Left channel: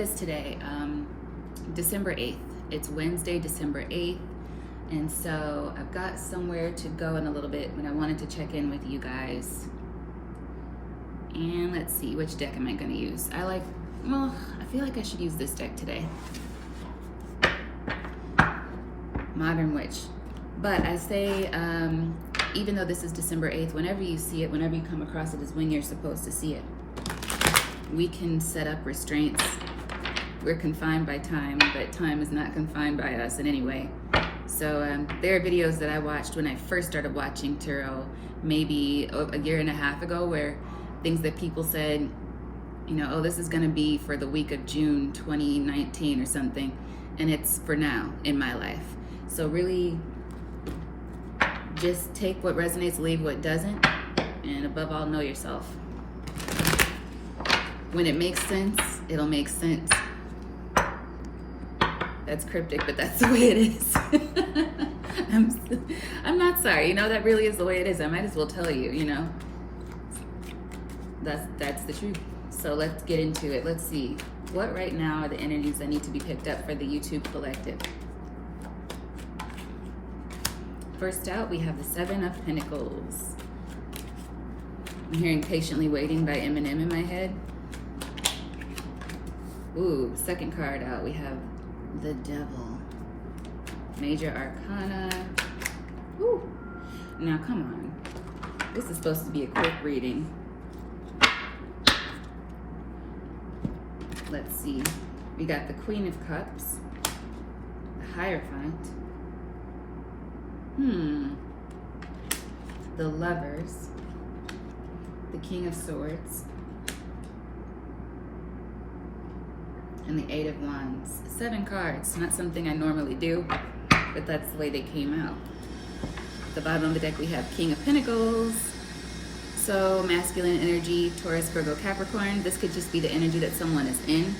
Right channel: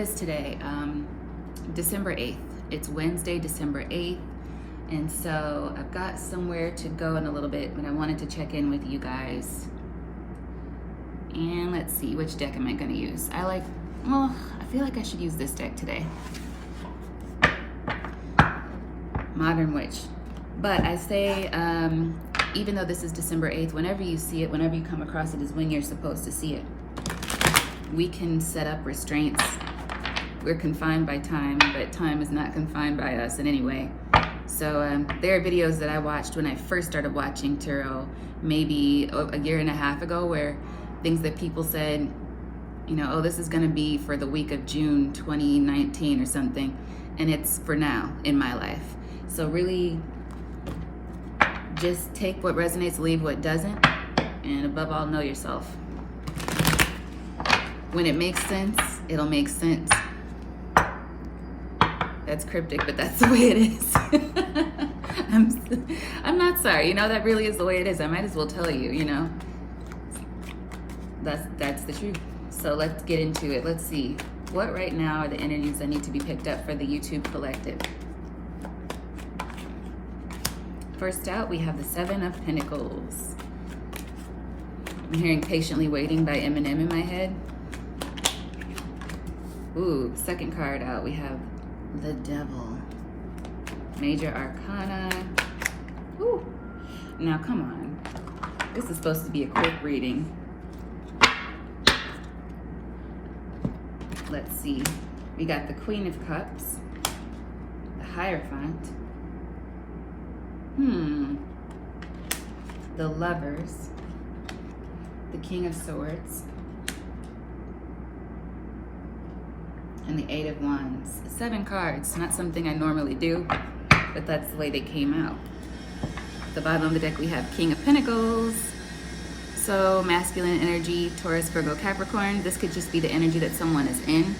what is today? December 8th. It's Wednesday, December 8th. And so I've got somewhere to go in a little bit, but I wanted to check in with you guys. And let's see, which deck am I going to use? I feel like I should use this deck today. Modern Witch. But I say, even though this is December 8th, whenever you see it, whenever you come across it, is when you're supposed to see it. We can set up restraints. We're confined by time, but time is not confined by us in any way. So there are videos that I watched when I first started watching tarot, maybe a year and a half ago, where things that people said, you know, oh, this is going to be for the week of June 2019 or something, and it's for now in my life. So really, just take what resonates, leave what doesn't, and above all, know yourself. When it makes sense, it'll make sense. That's cryptic, but that's the way it is. I'm not sorry, you know, that really is the way it is. I might as well tell you, you know. That's the truth. So let's get into it. Let's see. What right now are the energies that need to be picked up for the YouTube collective? First out, we have the Seven of Pentacles. I'm hearing Patiently Waiting by Eminem in my head. Ooh, second card out, we have the Devil. Major Arcana. Ooh. Now, come on. This is supposed to be a quick reading. Let's see. We got the Queen of Cups. The Hierophant. The Lovers. The King of Swords. And the Eight of Wands. 7 cards, not something I normally do, but that's the way they came out. At the bottom of the deck we have King of Pentacles. So masculine energy, Taurus, Virgo, Capricorn. This could just be the energy that someone is in.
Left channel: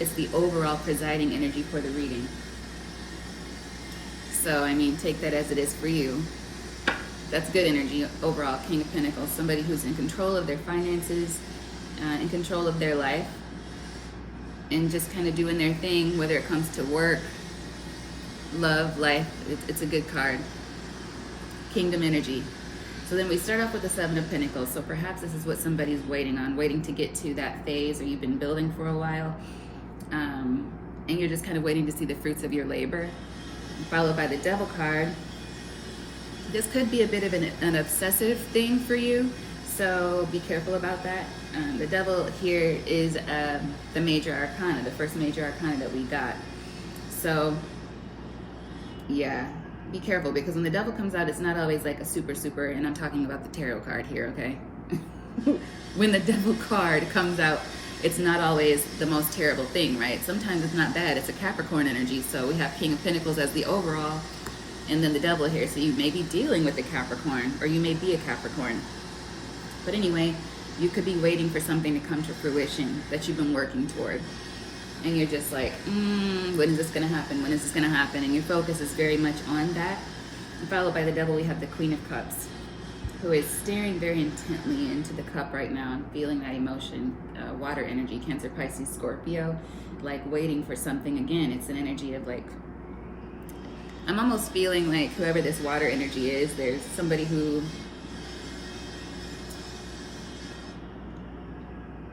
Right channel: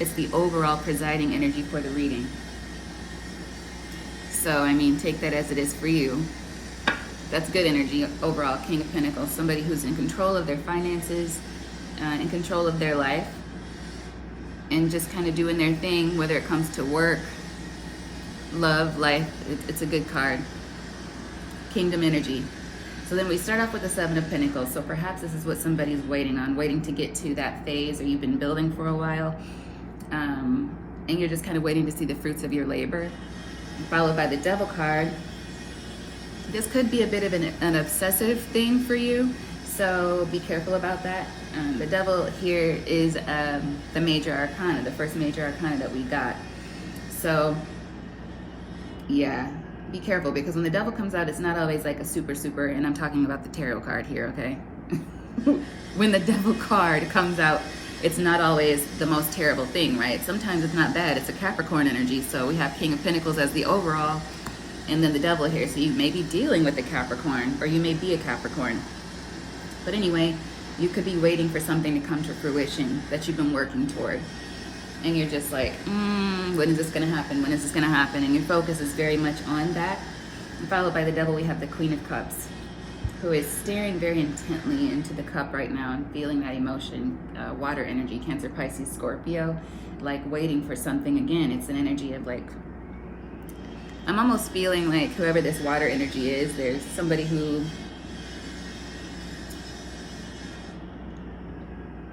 It's the overall presiding energy for the reading. So, I mean, take that as it is for you. That's good energy overall, King of Pentacles. Somebody who's in control of their finances, in control of their life, and just kind of doing their thing, whether it comes to work, love, life. It's a good card. Kingdom energy. So then we start off with the Seven of Pentacles. So perhaps this is what somebody's waiting on, waiting to get to that phase, or you've been building for a while, and you're just kind of waiting to see the fruits of your labor. Followed by the Devil card. This could be a bit of an obsessive thing for you, so be careful about that. The Devil here is the Major Arcana, the first Major Arcana that we got. So, yeah, be careful, because when the Devil comes out, it's not always like a super, and I'm talking about the Tarot card here, okay? When the Devil card comes out, it's not always the most terrible thing, right? Sometimes it's not bad. It's a Capricorn energy, so we have King of Pentacles as the overall, and then the Devil here. So you may be dealing with a Capricorn, or you may be a Capricorn. But anyway, you could be waiting for something to come to fruition that you've been working toward. And you're just like, when is this going to happen? When is this going to happen? And your focus is very much on that. And followed by the Devil, we have the Queen of Cups, who is staring very intently into the cup right now and feeling that emotion. Water energy, Cancer, Pisces, Scorpio, like waiting for something. Again, it's an energy of like, I'm almost feeling like whoever this water energy is, there's somebody who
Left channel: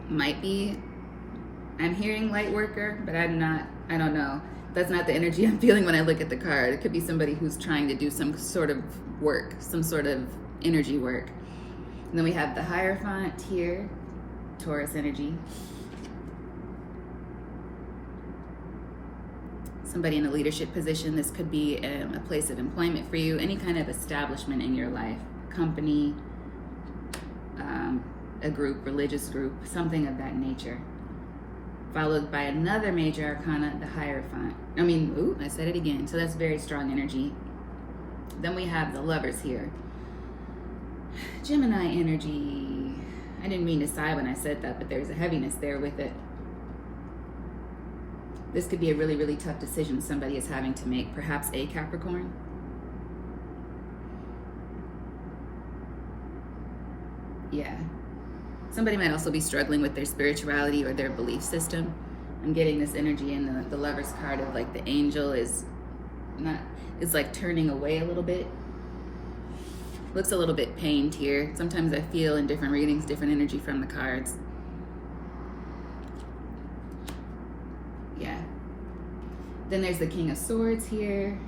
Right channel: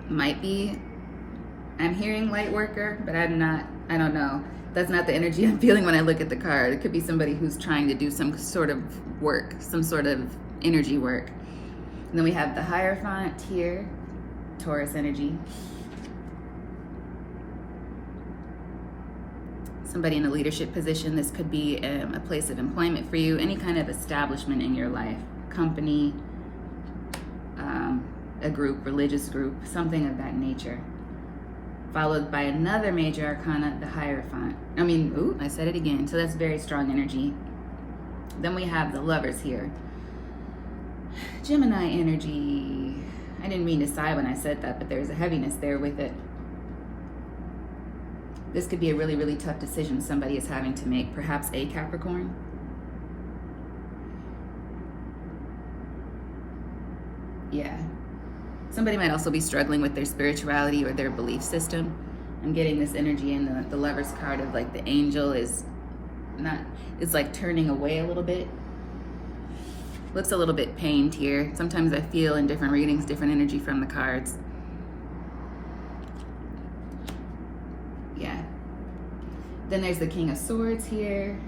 might be, I'm hearing light worker, but I don't know. That's not the energy I'm feeling when I look at the card. It could be somebody who's trying to do some sort of work, some sort of energy work. And then we have the Hierophant here, Taurus energy. Somebody in a leadership position. This could be a place of employment for you, any kind of establishment in your life, company, a group, religious group, something of that nature. Followed by another Major Arcana, the Hierophant. I said it again. So that's very strong energy. Then we have the Lovers here. Gemini energy. I didn't mean to sigh when I said that, but there's a heaviness there with it. This could be a really, really tough decision somebody is having to make. Perhaps a Capricorn. Yeah. Somebody might also be struggling with their spirituality or their belief system. I'm getting this energy in the Lover's card of like the angel is not, it's like turning away a little bit. Looks a little bit pained here. Sometimes I feel in different readings, different energy from the cards. Yeah. Then there's the King of Swords here.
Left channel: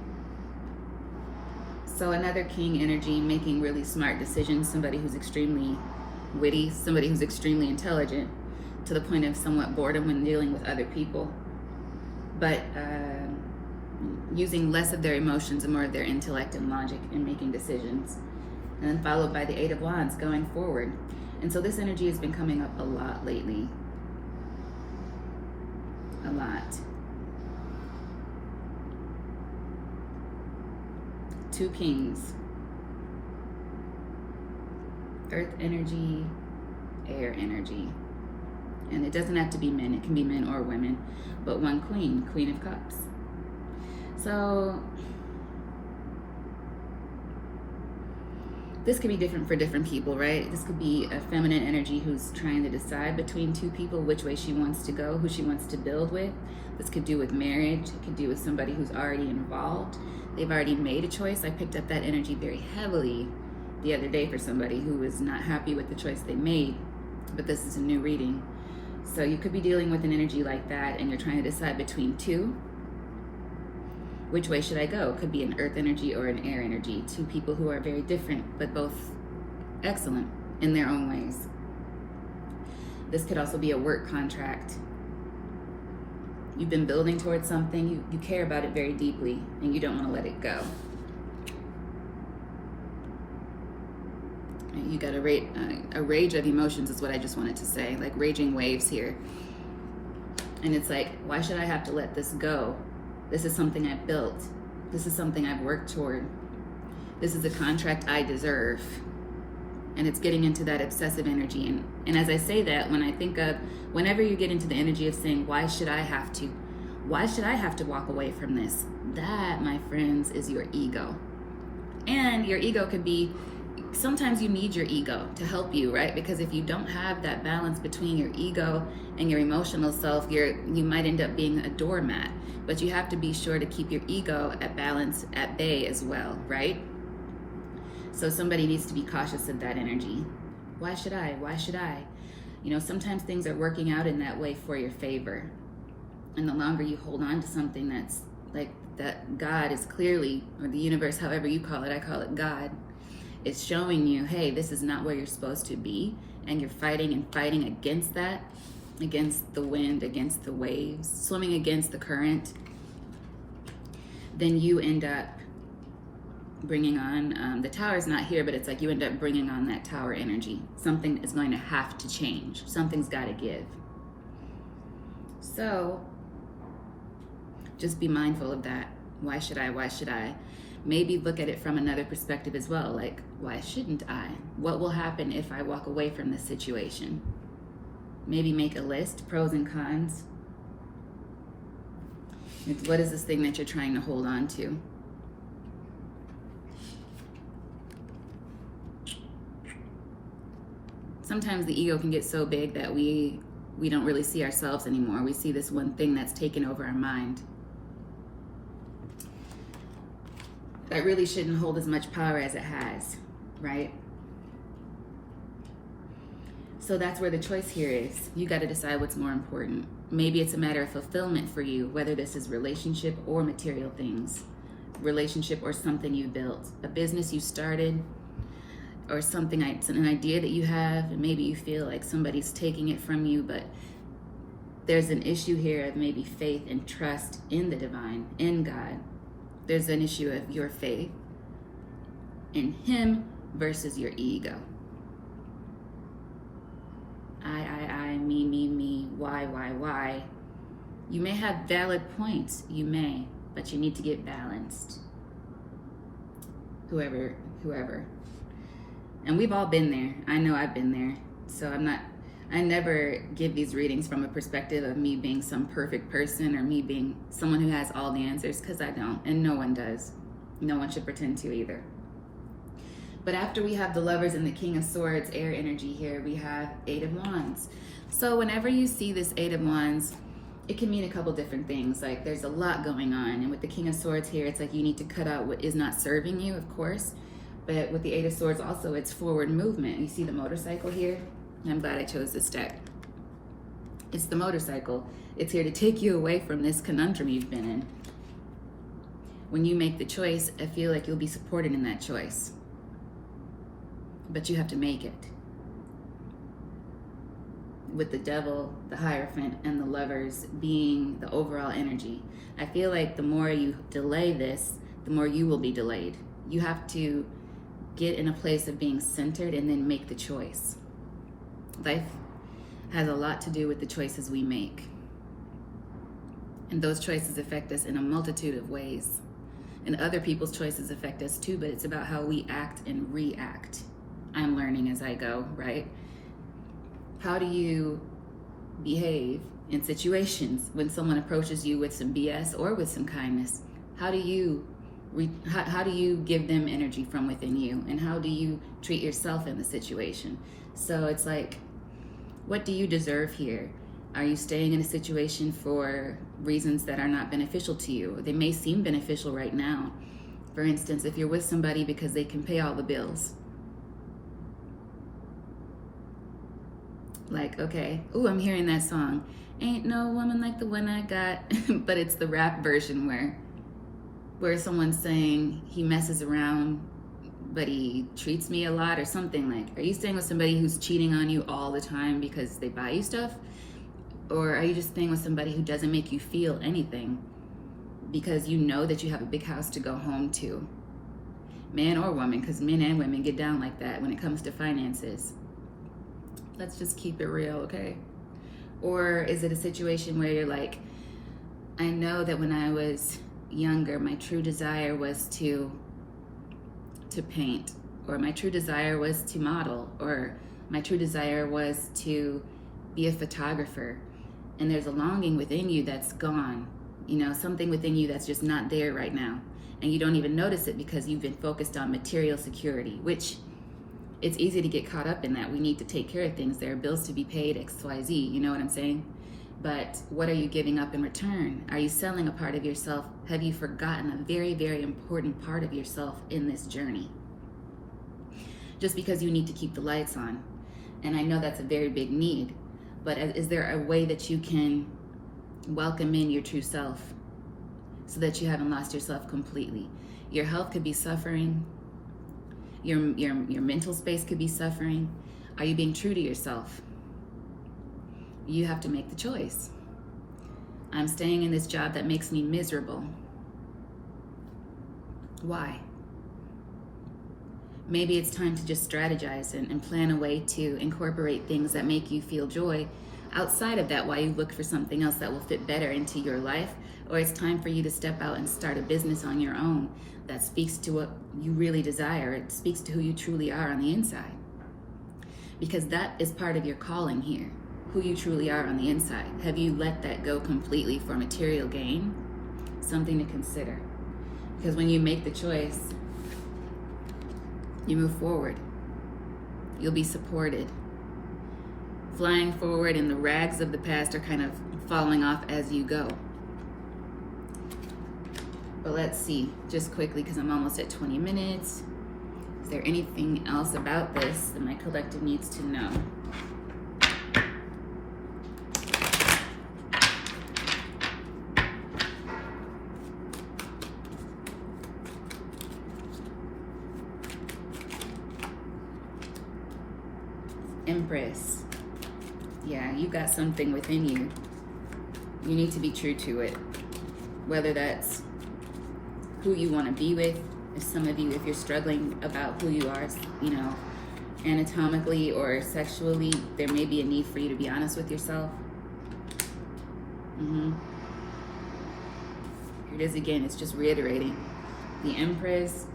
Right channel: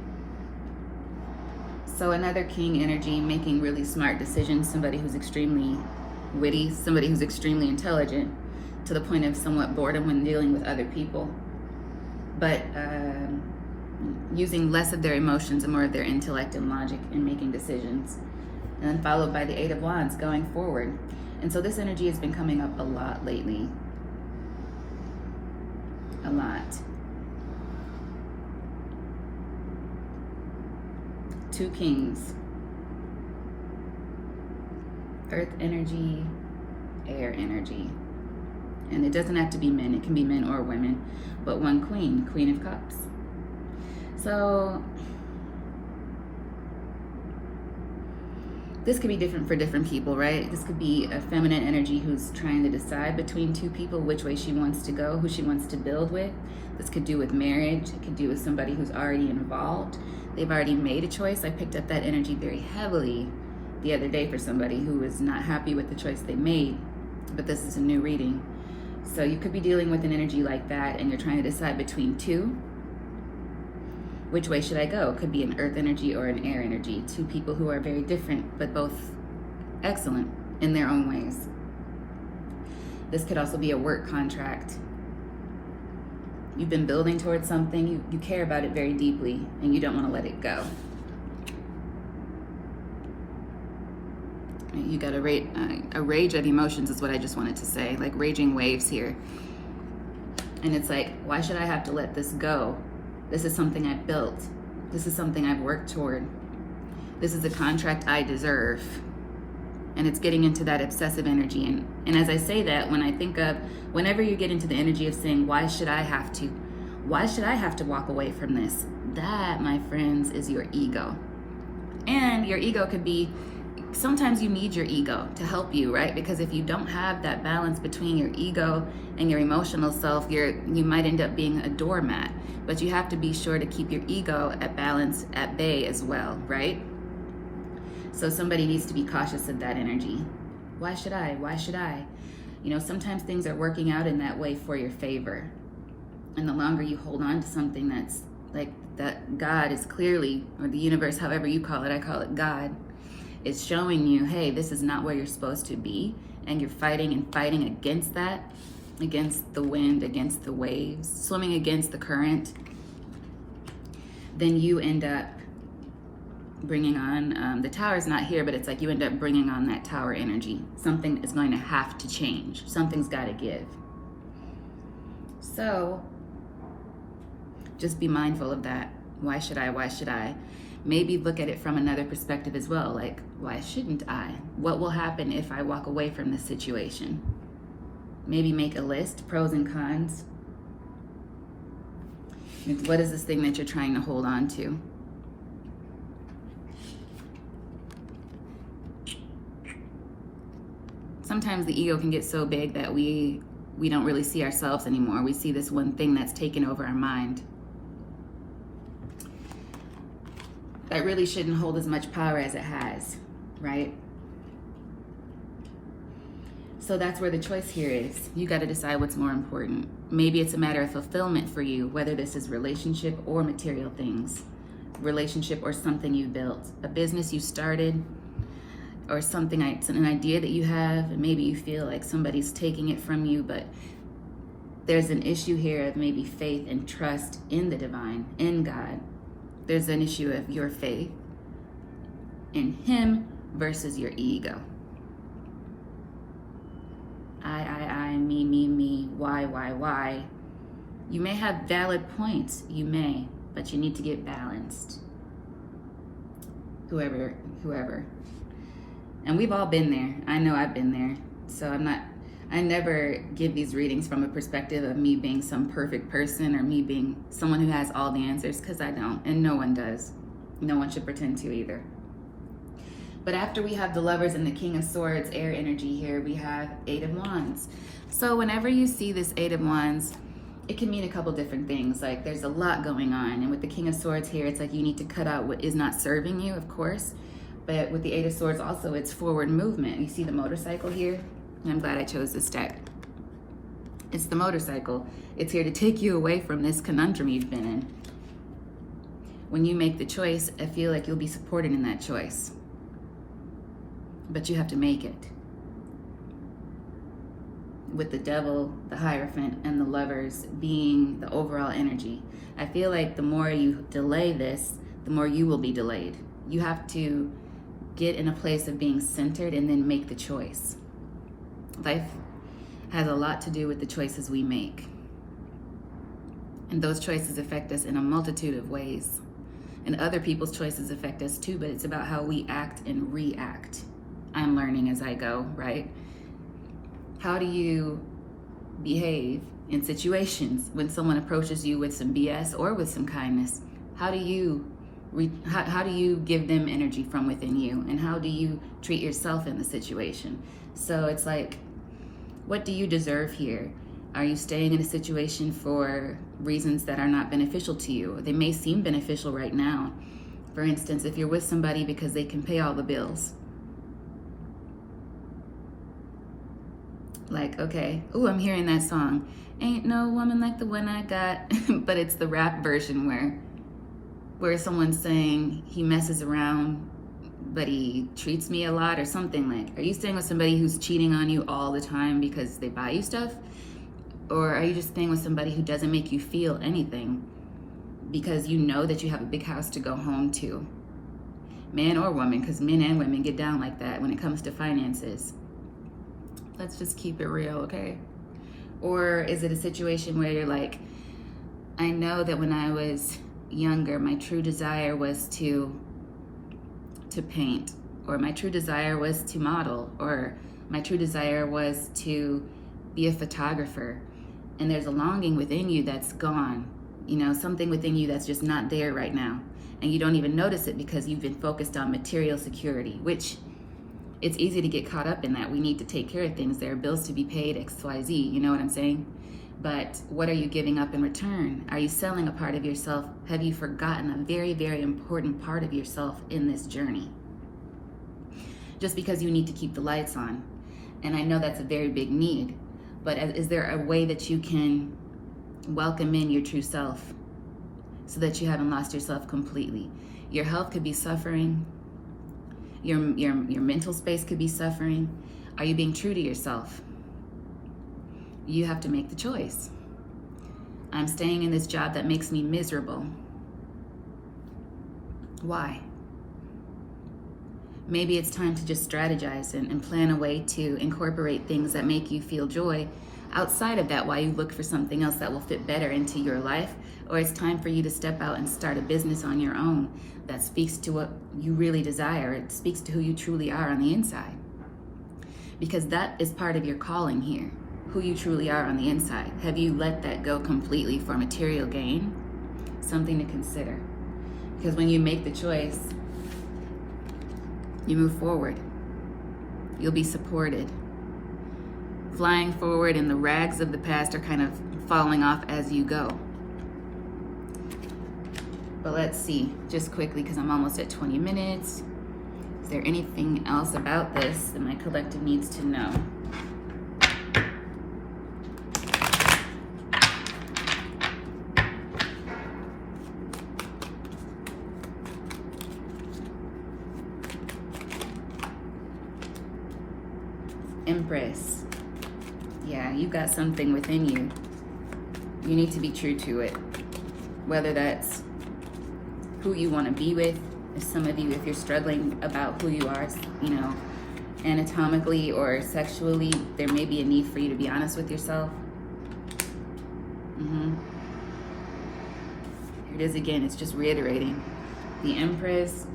So another king energy, making really smart decisions, somebody who's extremely witty, somebody who's extremely intelligent, to the point of somewhat boredom when dealing with other people, but using less of their emotions and more of their intellect and logic in making decisions. And then followed by the Eight of Wands going forward. And so this energy has been coming up a lot lately. A lot. Two kings. Earth energy, air energy. And it doesn't have to be men, it can be men or women. But one queen, Queen of Cups. So this could be different for different people, right? This could be a feminine energy who's trying to decide between two people, which way she wants to go, who she wants to build with. This could do with marriage. It could do with somebody who's already involved. They've already made a choice. I picked up that energy very heavily the other day for somebody who was not happy with the choice they made. But this is a new reading. So you could be dealing with an energy like that and you're trying to decide between two. Which way should I go? Could be an earth energy or an air energy. Two people who are very different, but both excellent in their own ways. This could also be a work contract. You've been building towards something, you care about it very deeply, and you don't want to let it go. You got a rage of emotions is what I just wanted to say, like raging waves here. And it's like, why should I have to let this go? This is something I've built. This is something I've worked toward. This is a contract I deserve. And it's getting into that obsessive energy. And as I say that, when I think of, whenever you get into the energy of saying, why should I have to walk away from this? That, my friends, is your ego. And your ego could be, sometimes you need your ego to help you, right? Because if you don't have that balance between your ego and your emotional self, you might end up being a doormat. But you have to be sure to keep your ego at balance, at bay as well, right? So somebody needs to be cautious of that energy. Why should I? Why should I? You know, sometimes things are working out in that way for your favor. And the longer you hold on to something that's like that, God is clearly, or the universe, however you call it, I call it God, is showing you, hey, this is not where you're supposed to be. And you're fighting and fighting against that, against the wind, against the waves, swimming against the current. Then you end up bringing on, the tower's not here, but it's like you end up bringing on that tower energy. Something is going to have to change. Something's got to give. So just be mindful of that. Why should I? Why should I? Maybe look at it from another perspective as well. Like, why shouldn't I? What will happen if I walk away from this situation? Maybe make a list, pros and cons. What is this thing that you're trying to hold on to? Sometimes the ego can get so big that we don't really see ourselves anymore. We see this one thing that's taken over our mind. That really shouldn't hold as much power as it has, right? So that's where the choice here is. You got to decide what's more important. Maybe it's a matter of fulfillment for you, whether this is relationship or material things. Relationship or something you built. A business you started, or something, an idea that you have, and maybe you feel like somebody's taking it from you, but there's an issue here of maybe faith and trust in the divine, in God. There's an issue of your faith in Him versus your ego. I, me, why. You may have valid points, you may, but you need to get balanced. Whoever. And we've all been there. I know I've been there. So I never give these readings from a perspective of me being some perfect person or me being someone who has all the answers, because I don't, and no one does. No one should pretend to either. But after we have the Lovers and the King of Swords, air energy here, we have Eight of Wands. So whenever you see this Eight of Wands, it can mean a couple different things. Like there's a lot going on, and with the King of Swords here, it's like you need to cut out what is not serving you, of course. But with the Eight of Swords also, it's forward movement. You see the motorcycle here? I'm glad I chose this deck. It's the motorcycle. It's here to take you away from this conundrum you've been in. When you make the choice, I feel like you'll be supported in that choice. But you have to make it. With the Devil, the Hierophant, and the Lovers being the overall energy. I feel like the more you delay this, the more you will be delayed. You have to get in a place of being centered and then make the choice. Life has a lot to do with the choices we make. And those choices affect us in a multitude of ways. And other people's choices affect us too, but it's about how we act and react. I'm learning as I go, right? How do you behave in situations when someone approaches you with some BS or with some kindness? How do you give them energy from within you? And how do you treat yourself in the situation? So it's like, what do you deserve here? Are you staying in a situation for reasons that are not beneficial to you? They may seem beneficial right now. For instance, if you're with somebody because they can pay all the bills. Like, okay, ooh, I'm hearing that song. Ain't no woman like the one I got. But it's the rap version where someone's saying he messes around, but he treats me a lot or something. Like, are you staying with somebody who's cheating on you all the time because they buy you stuff? Or are you just staying with somebody who doesn't make you feel anything because you know that you have a big house to go home to? Man or woman, because men and women get down like that when it comes to finances. Let's just keep it real, okay? Or is it a situation where you're like, I know that when I was younger, my true desire was to paint, or my true desire was to model, or my true desire was to be a photographer, and there's a longing within you that's gone, you know, something within you that's just not there right now, and you don't even notice it because you've been focused on material security, which it's easy to get caught up in that. We need to take care of things. There are bills to be paid, XYZ, you know what I'm saying? But what are you giving up in return? Are you selling a part of yourself? Have you forgotten a very, very important part of yourself in this journey? Just because you need to keep the lights on. And I know that's a very big need, but is there a way that you can welcome in your true self so that you haven't lost yourself completely? Your health could be suffering. Your mental space could be suffering. Are you being true to yourself? You have to make the choice. I'm staying in this job that makes me miserable. Why? Maybe it's time to just strategize and plan a way to incorporate things that make you feel joy outside of that while you look for something else that will fit better into your life. Or it's time for you to step out and start a business on your own that speaks to what you really desire. It speaks to who you truly are on the inside. Because that is part of your calling here, who you truly are on the inside. Have you let that go completely for material gain? Something to consider. Because when you make the choice, you move forward. You'll be supported. Flying forward, and the rags of the past are kind of falling off as you go. But let's see, just quickly, because I'm almost at 20 minutes. Is there anything else about this that my collective needs to know? Empress. Yeah, you got something within you. You need to be true to it. Whether that's who you want to be with. If some of you, if you're struggling about who you are, you know, anatomically or sexually, there may be a need for you to be honest with yourself. Here it is again. It's just reiterating. The Empress,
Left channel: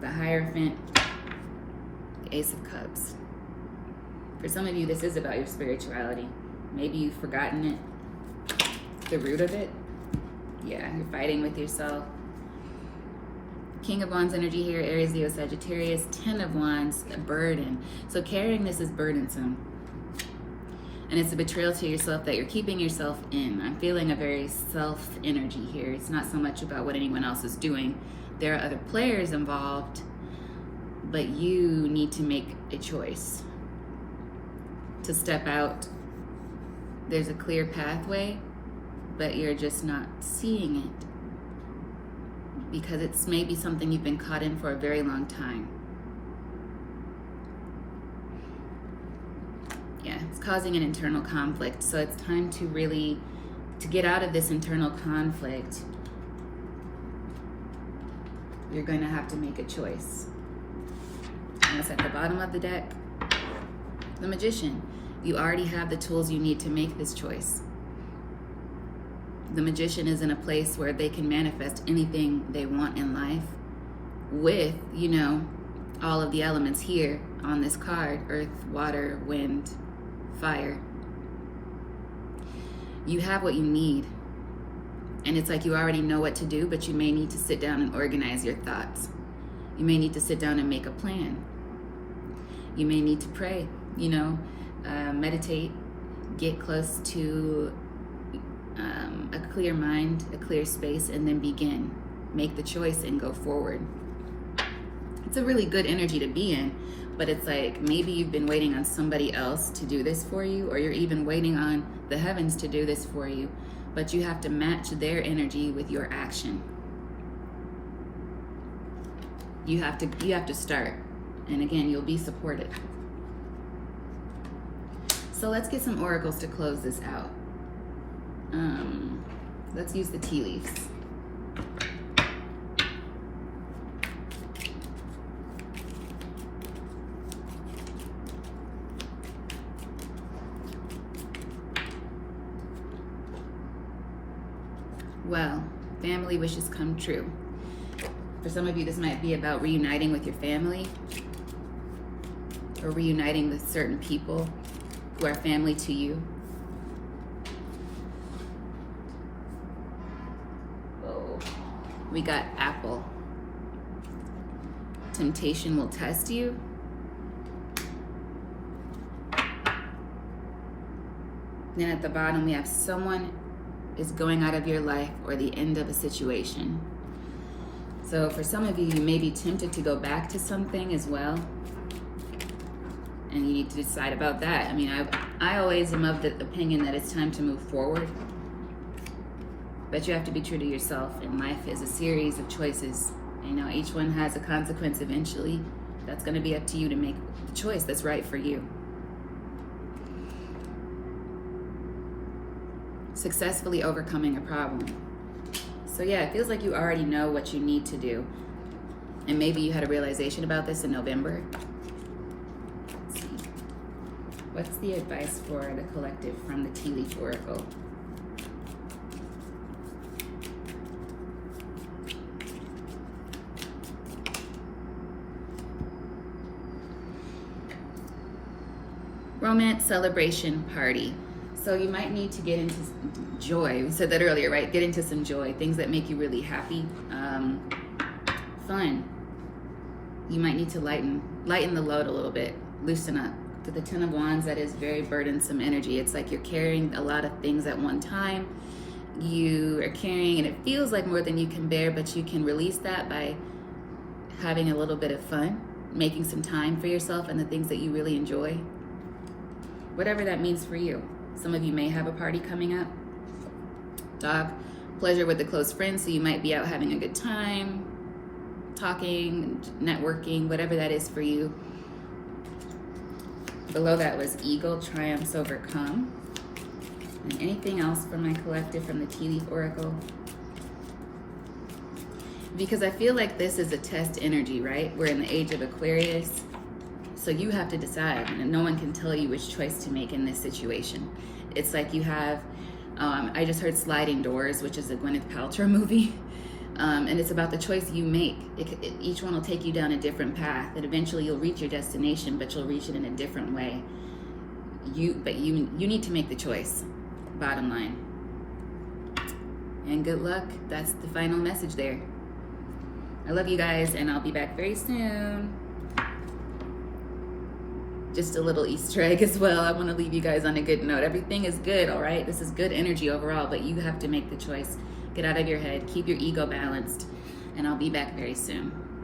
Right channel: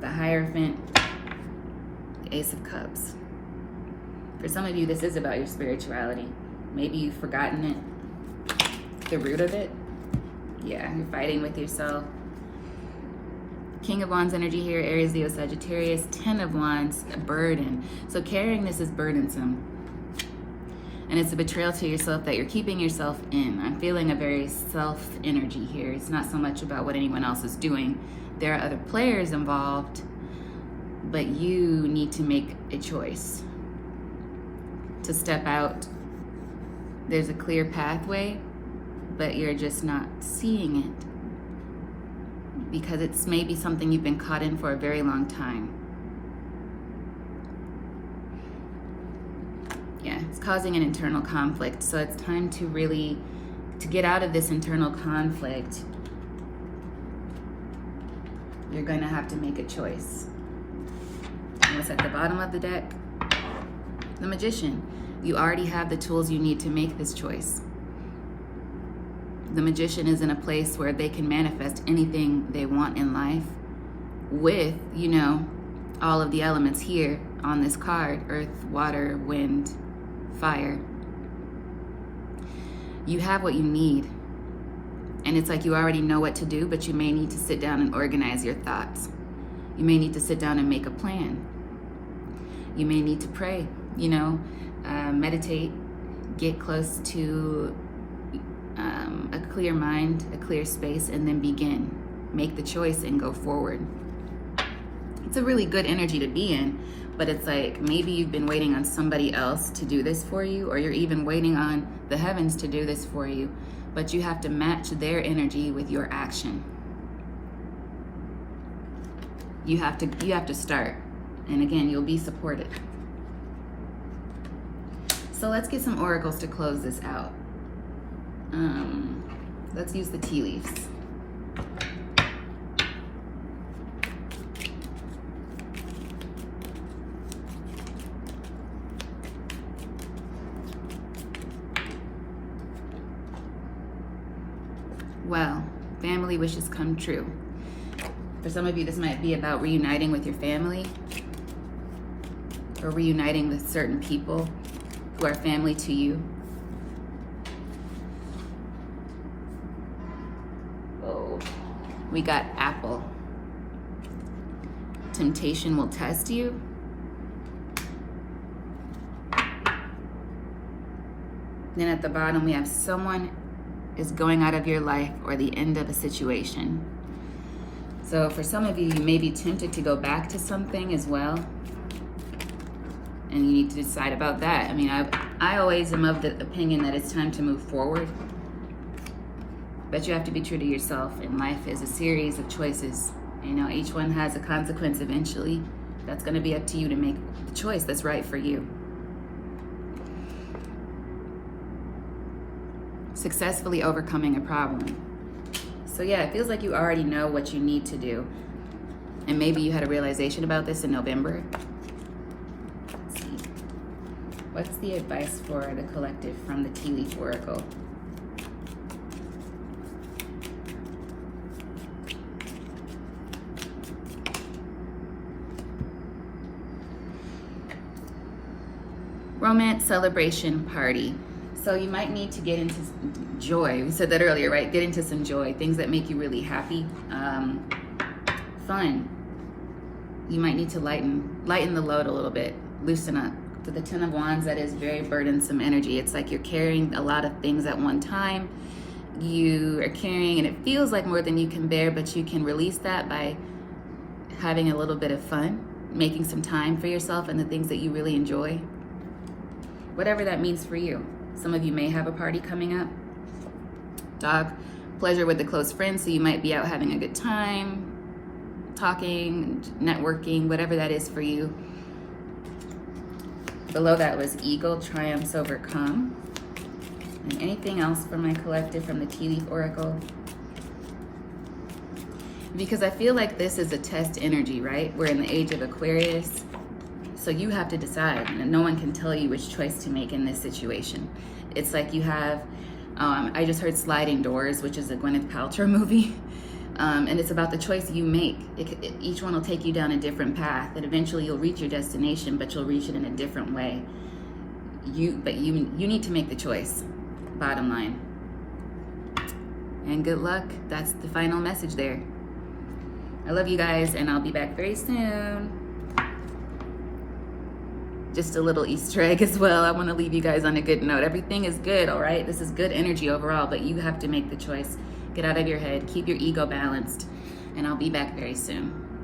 the Hierophant, the Ace of Cups. For some of you, this is about your spirituality. Maybe you've forgotten it. The root of it. Yeah, you're fighting with yourself. King of Wands energy here, Aries, Leo, Sagittarius. 10 of Wands, a burden. So carrying this is burdensome. And it's a betrayal to yourself that you're keeping yourself in. I'm feeling a very self energy here. It's not so much about what anyone else is doing. There are other players involved, but you need to make a choice to step out. There's a clear pathway, but you're just not seeing it because it's maybe something you've been caught in for a very long time. Yeah, it's causing an internal conflict. So it's time to really, to get out of this internal conflict, you're going to have to make a choice. And it's at the bottom of the deck. The Magician. You already have the tools you need to make this choice. The Magician is in a place where they can manifest anything they want in life with, you know, all of the elements here on this card: earth, water, wind, fire. You have what you need. And it's like you already know what to do, but you may need to sit down and organize your thoughts. You may need to sit down and make a plan. You may need to pray, you know, meditate, get close to a clear mind, a clear space, and then begin. Make the choice and go forward. It's a really good energy to be in, but it's like maybe you've been waiting on somebody else to do this for you, or you're even waiting on the heavens to do this for you, but you have to match their energy with your action. You have to start, and again, you'll be supported. So let's get some oracles to close this out. Let's use the tea leaves. Well, family wishes come true. For some of you, this might be about reuniting with your family, or reuniting with certain people who are family to you. Oh, we got apple. Temptation will test you. Then at the bottom, we have someone is going out of your life, or the end of a situation. So for some of you, you may be tempted to go back to something as well. And you need to decide about that. I mean, I always am of the opinion that it's time to move forward. But you have to be true to yourself. And life is a series of choices. You know, each one has a consequence eventually. That's going to be up to you to make the choice that's right for you. Successfully overcoming a problem. So yeah, it feels like you already know what you need to do. And maybe you had a realization about this in November. Let's see. What's the advice for the collective from the Tea Leaf Oracle? Romance, celebration, party. So you might need to get into joy. We said that earlier, right? Get into some joy, things that make you really happy, fun. You might need to lighten the load a little bit, loosen up. To the Ten of Wands, that is very burdensome energy. It's like you're carrying a lot of things at one time. You are carrying, and it feels like more than you can bear, but you can release that by having a little bit of fun, making some time for yourself and the things that you really enjoy. Whatever that means for you. Some of you may have a party coming up. Dog, pleasure with the close friends, so you might be out having a good time, talking, networking, whatever that is for you. Below that was eagle, triumphs overcome. And anything else for my collective from the Tea Leaf Oracle? Because I feel like this is a test energy, right? We're in the age of Aquarius. So you have to decide. No one can tell you which choice to make in this situation. It's like you have, I just heard Sliding Doors, which is a Gwyneth Paltrow movie. And it's about the choice you make. Each one will take you down a different path, and eventually you'll reach your destination, but you'll reach it in a different way. You need to make the choice, bottom line. And good luck. That's the final message there. I love you guys, and I'll be back very soon. just a little Easter egg as well. I want to leave you guys on a good note. Everything is good, all right? This is good energy overall, but you have to make the choice. Get out of your head, keep your ego balanced, and I'll be back very soon.